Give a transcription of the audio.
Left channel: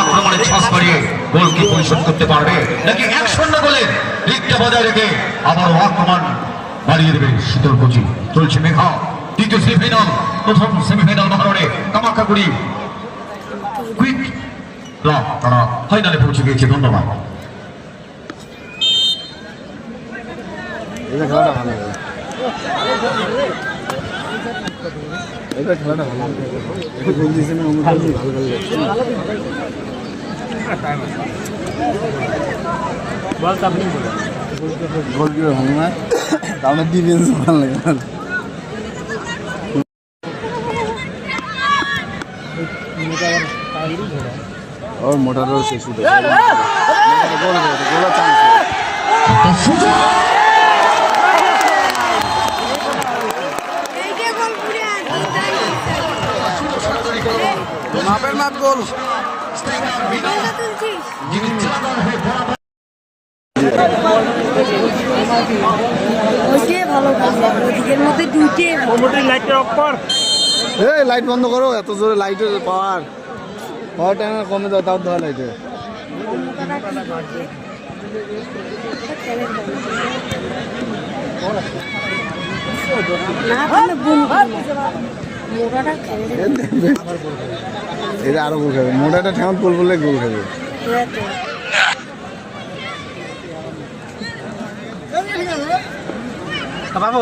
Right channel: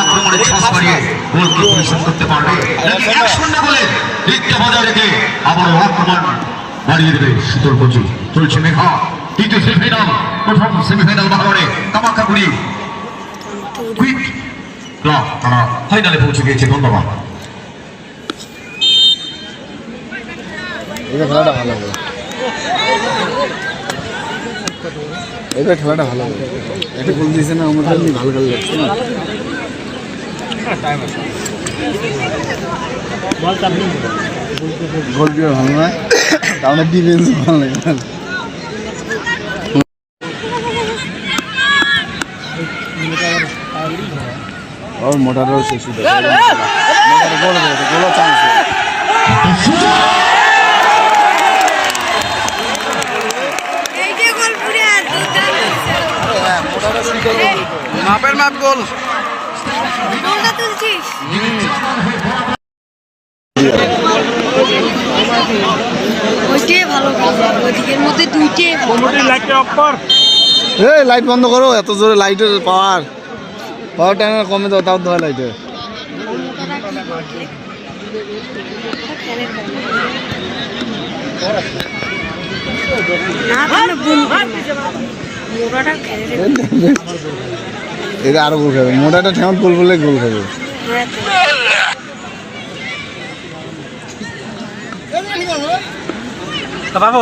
আক্রমণের শ্বাস বাড়িয়ে গোল কি পরিশোধ করতে পারবে নাকি 1-0 গোলে লিখতে বজায় রেখে আবারও আক্রমণ বাড়িয়ে দেবে শীতল কোচি। চলছে মেঘা তৃতীয় সেমিফাইনাল, প্রথম সেমিফাইনাল বাহারে কামাখ্যাগুড়ি কুইক ক্লাব তারা ফাইনালে পৌঁছে গিয়েছে। ধন্যবাদ। এটা খেলাটা ভালো হবে, একটা গোল দিয়েছে না আমার ভালো ভালো লাগছে। গোল দিয়ে ভালো নয়, আমাদের ডিফেন্স ভালো লাগে। और मोटा रोल से शुरू गोल गोल चांस मापेर माप गोल ওইটাই ভালো খেলে, ওইদিকের মধ্যে দুইটাই ভালো। লাইট বন্ধ করো, এত জোরে লাইটের পাওয়ার টাইম কমে দাও, তাও ধোয়া লাইটের। এটা আরো গোল খাবে, মোটাটা ঠেমন গোল করলে গোল খাবে। বাবা